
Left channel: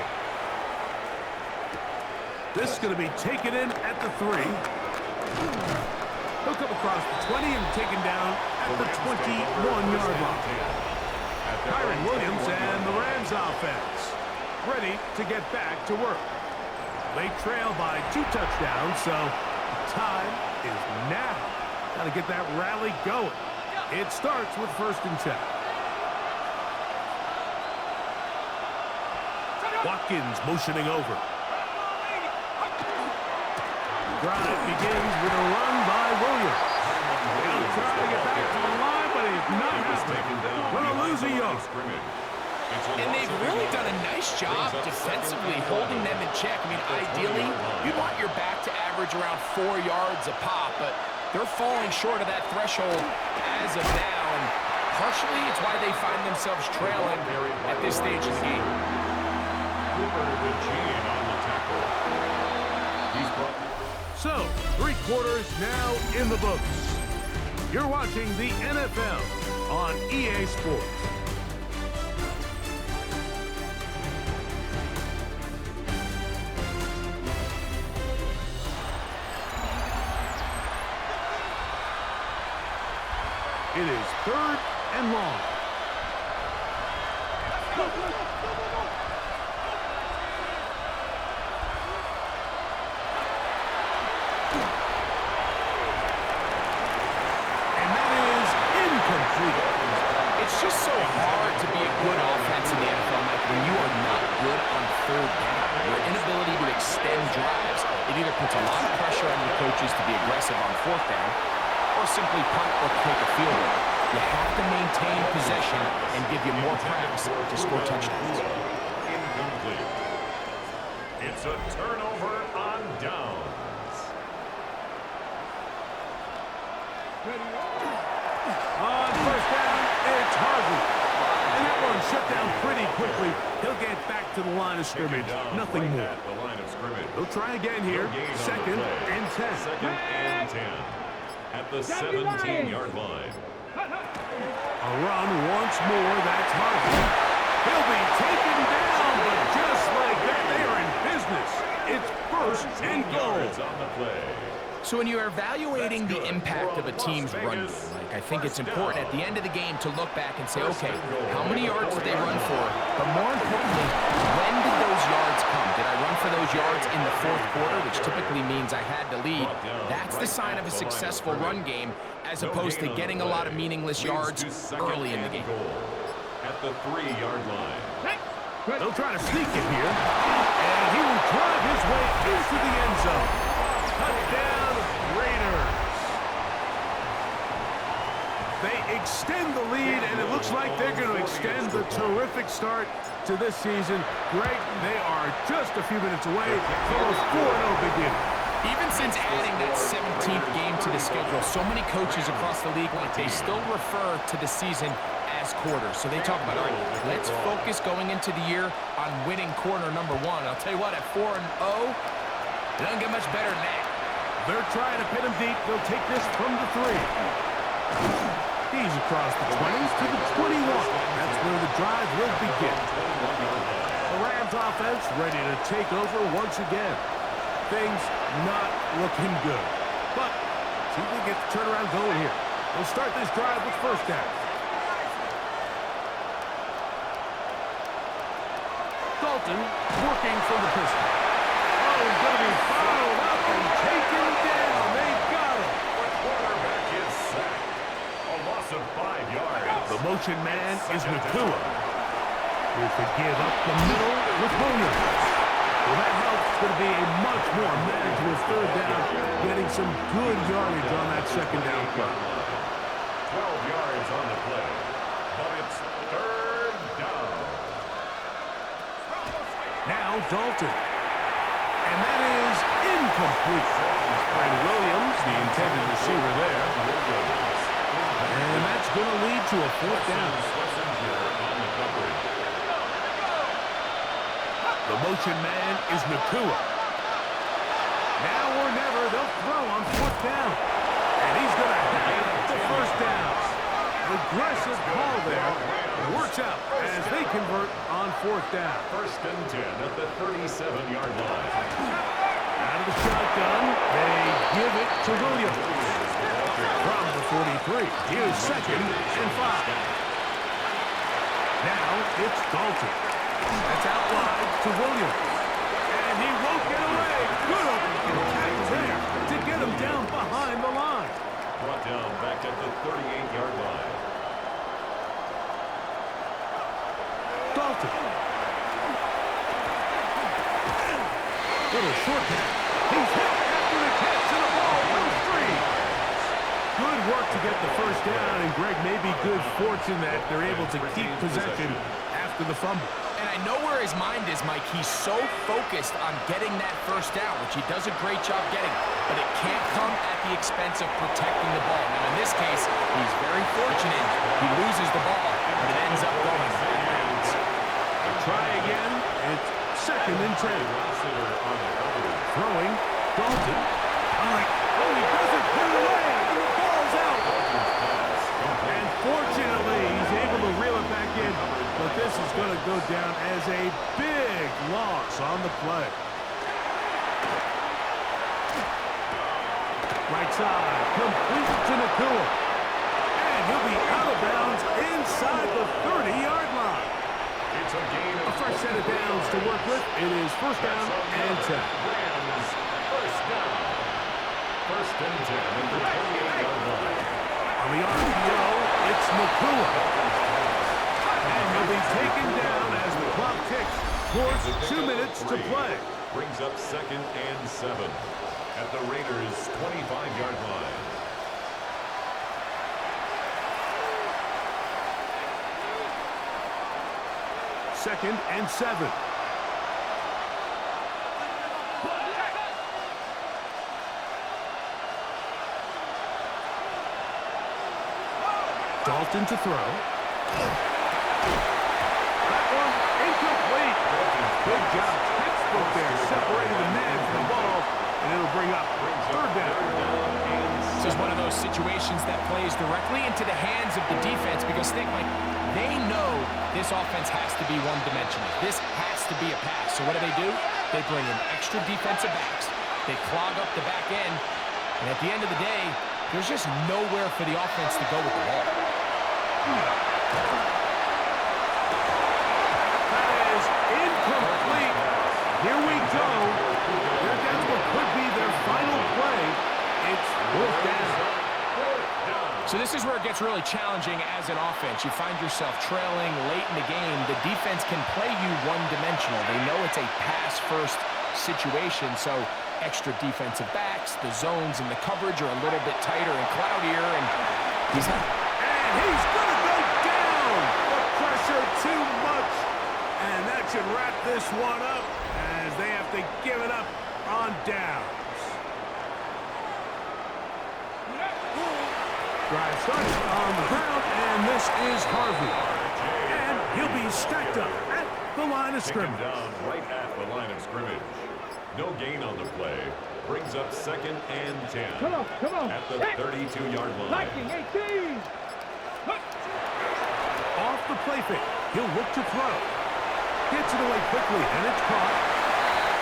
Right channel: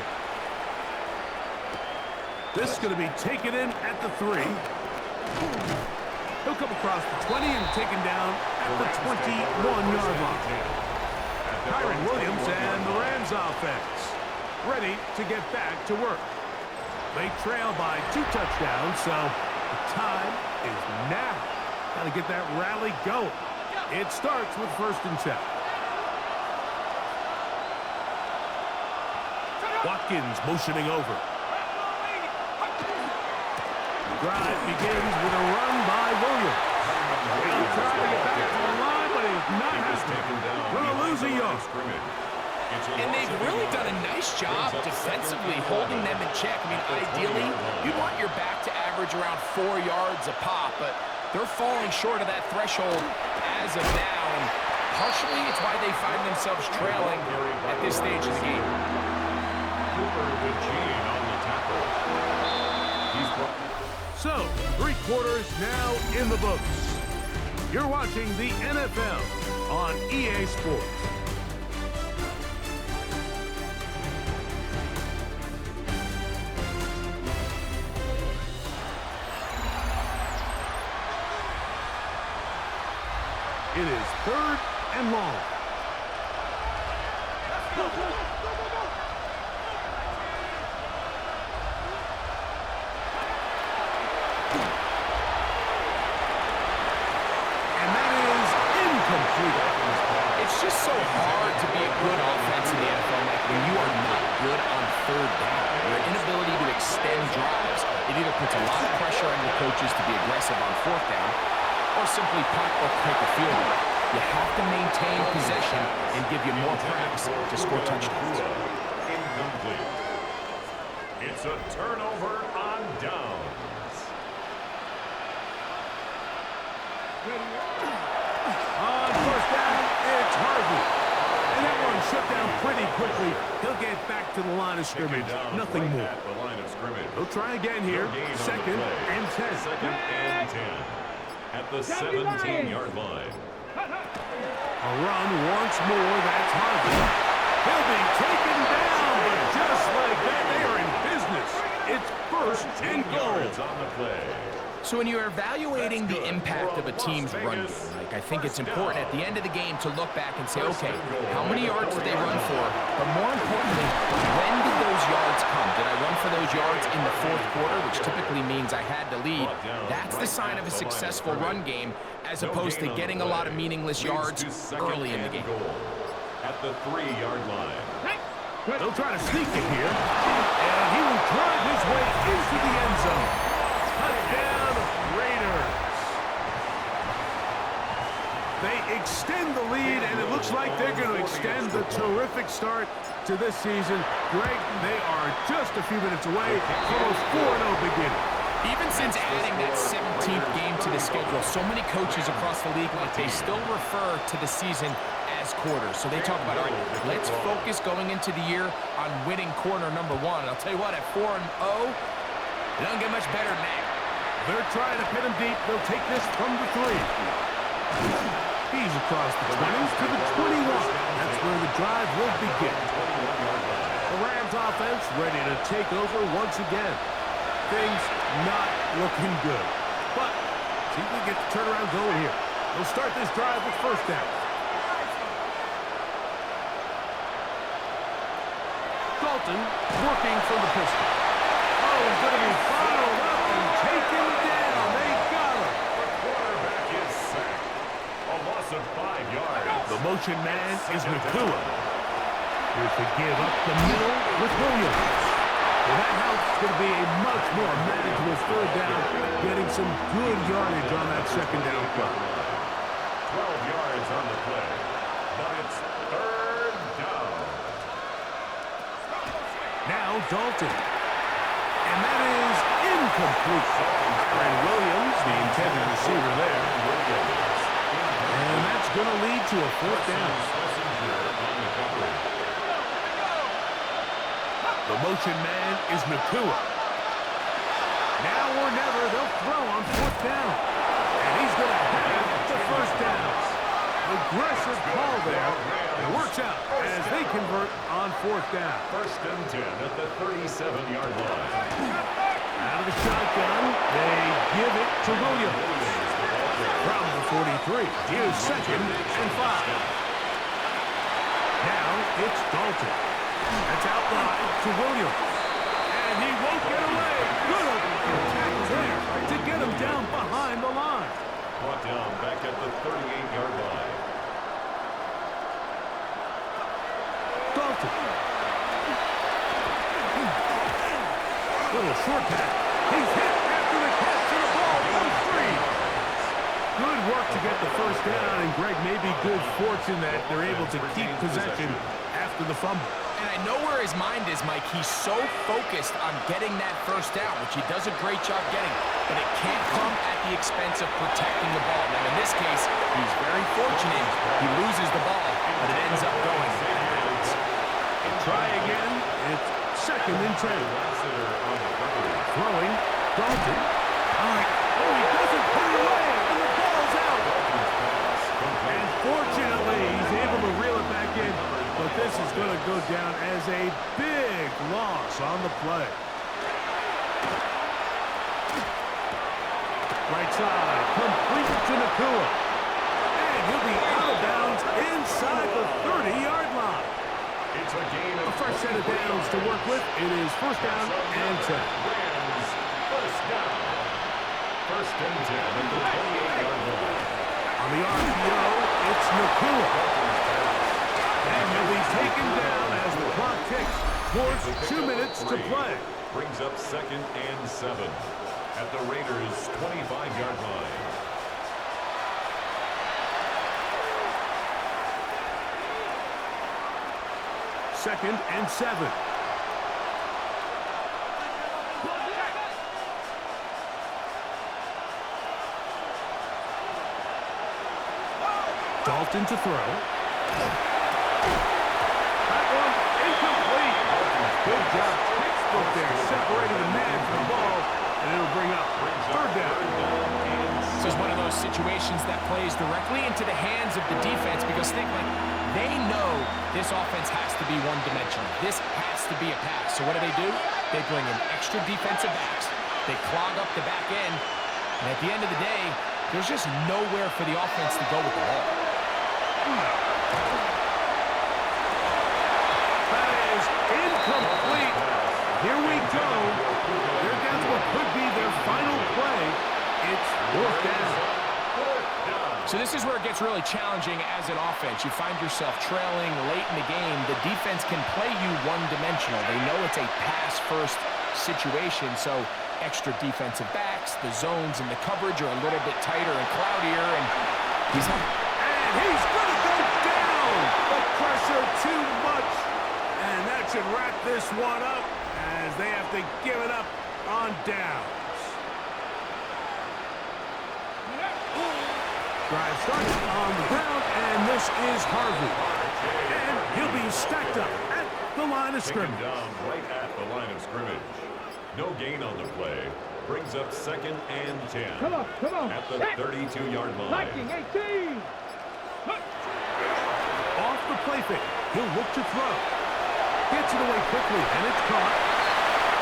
This is going to be taken in at the 3. He'll come across the 20 and taken down at the 21-yard line. Kyron Williams and the Rams offense ready to get back to work. They trail by 2 touchdowns, so the time is now. Got to get that rally going. It starts with first and 10. Watkins motioning over. The drive begins with a run by Williams. He'll try to get back to the line, but he's not happening. Going to lose a yard. And they've really done a nice job defensively holding them in check. I mean, ideally, you'd want your back to average around 4 yards a pop, but they're falling short of that threshold as of now, and partially it's why they find themselves trailing at this stage of the game. Cooper with Gene on the tackle. He's brought. So, 3 quarters now in the books. You're watching the NFL on EA Sports. It is 3rd and long. And that is incomplete. It's just so hard to be a good offense in the NFL, Mike, when you are not good on 3rd down. Your inability to extend drives, it either puts a lot of pressure on your coaches to be aggressive on 4th down, or simply punt or take a field goal. You have to maintain possession and give you more cracks to score touchdowns. Incomplete. It's a turnover on downs. On first down, it's Harvey. And that one shut down pretty quickly. He'll get back to the line of scrimmage. Nothing more. At the line of scrimmage. He'll try again here. 2nd and 10. 2nd and 10. At the 17-yard line. A run once more. That's Harvey. He'll be taken down, but just like that, they are in business. It's 1st and goal. On the play. So when you're evaluating the impact of a team's run game, like, I think it's important at the end of the game to look back and say, okay, how many yards did they run for? But more importantly, when did those yards come? Did I run for those yards in the 4th quarter, which typically means I had to lead? That's the sign of a successful run game, as opposed to getting a lot of meaningless yards early in the game. At the 3-yard line. They'll try to sneak it here, and he will drive his way into the end zone. Touchdown, Raiders. They extend the lead, and it looks like they're going to extend the terrific start to this season. Greg, they are just a few minutes away from a 4-0 beginning. Even since adding that 17th game to the schedule, so many coaches across the league, like, they still refer to the season as last quarter. So they talk about, all right, let's focus going into the year on winning quarter number 1. And I'll tell you what, at 4-0, it doesn't get much better than that. They're trying to pin him deep. They'll take this from the 3. He's across the 20s to the 21. That's where the drive will begin. The Rams offense ready to take over once again. Things not looking good. But see if they get the turnaround going here. They'll start this drive with first down. Dalton working from the pistol. Oh, he's going to be followed up and taken down. They got him. The quarterback is sacked. A loss of 5 yards. The motion man is Nakua. Here's the give up the middle with Williams. Well, that helps. It's going to be a much more manageable third down, getting some good yardage on that second down play. 12 yards on the play, but it's third down. Now Dalton. And that is incomplete. Aaron Williams, the intended receiver there. And that's going to lead to a fourth down. The motion man is Nakua. Now or never, they'll throw on fourth down. And he's going to have the first down. Aggressive call there. It works out as they convert on fourth down. First and 10 at the 37-yard line. Out of the shotgun, they give it to Williams. From the 43, here's second and 5. Now it's Dalton. That's out wide to Williams. And he won't get away. Good open tackle there to get him down behind the line. Brought down back at the 38-yard line. Dalton. Little short pass. He's hit after the catch and the ball goes free. Good work to get the first down, and Greg, maybe good fortune that they're able to keep possession after the fumble. And I know where his mind is, Mike. He's so focused on getting that first down, which he does a great job getting, but it can't come at the expense of protecting the ball. Now, in this case, he's very fortunate. He loses the ball, but it ends up going out of bounds. Try again. It's second and 10. Throwing. Dalton. Oh, he doesn't put it away, and the ball's out. And fortunately, he's able to reel it back in, but this is going to go down as a big loss on the play. Right side, complete to Nakua. And he'll be out of bounds inside the 30-yard line. It's a gain of a fresh set of downs to work with. It is first down and 10. Rams, first down. First and 10 at the 28-yard line. On the RPO, it's Nakua. And he'll be taken down as the clock ticks towards 2 minutes to play. Brings up second and 7 at the Raiders' 25-yard line. Second and 7. Dalton to throw. That one incomplete. Good job. Textbook there, separating the man from the ball, and it'll bring up third down. This is one of those situations that plays directly into the hands of the defense because think, like, they know this offense has to be one-dimensional. This has to be a pass. So what do? They bring in extra defensive backs. They clog up the back end, and at the end of the day, there's just nowhere for the offense to go with the ball. That is incomplete. Here we go. They're down to what could be their final play. It's fourth down. So this is where it gets really challenging as an offense. You find yourself trailing late in the game. The defense can play you one-dimensional. They know it's a pass-first situation, so extra defensive backs, the zones and the coverage are a little bit tighter and cloudier, and he's going to go down. The pressure too much, and that should wrap this one up as they have to give it up on downs. Drive started on the ground, and this is Harvey. And he'll be stacked up at the line of Taken scrimmage. down right at the line of scrimmage. No gain on the play. Brings up 2nd and 10. Come on. At the Set. 32-yard line. Liking 18. Off the play fake. He'll look to throw. Gets it away quickly, and it's caught.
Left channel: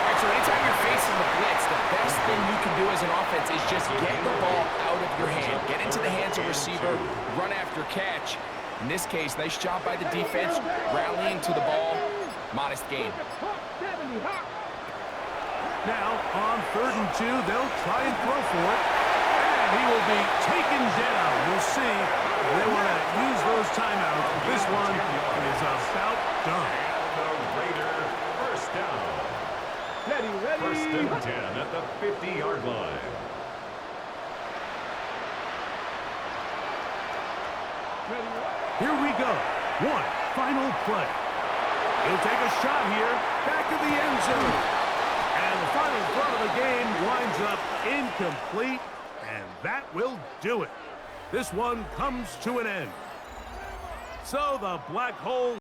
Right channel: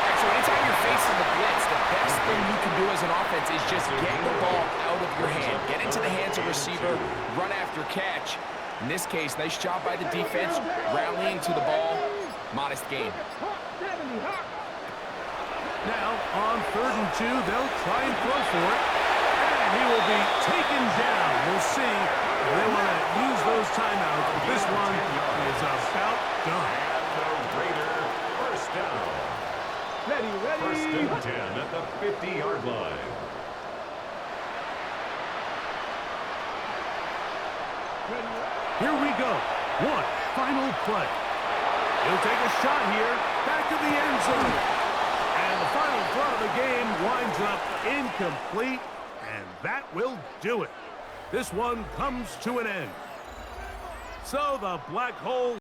All right, so anytime you're facing the blitz, the best thing you can do as an offense is just get the ball out of your hand. Get into the hands of receiver, run after catch. In this case, nice job by the defense, rallying to the ball. Modest gain. Hawk 70, Hawk. Now, on 3rd and 2, they'll try and throw for it. And he will be taken down. We'll see. They want to use those timeouts, but this one is about done. And the Raider first down. Ready. 1st and 10 at the 50-yard line. Ready. Here we go. One final play. He'll take a shot here. Back to the end zone. And the final throw of the game winds up incomplete. And that will do it. This one comes to an end. So the Black Hole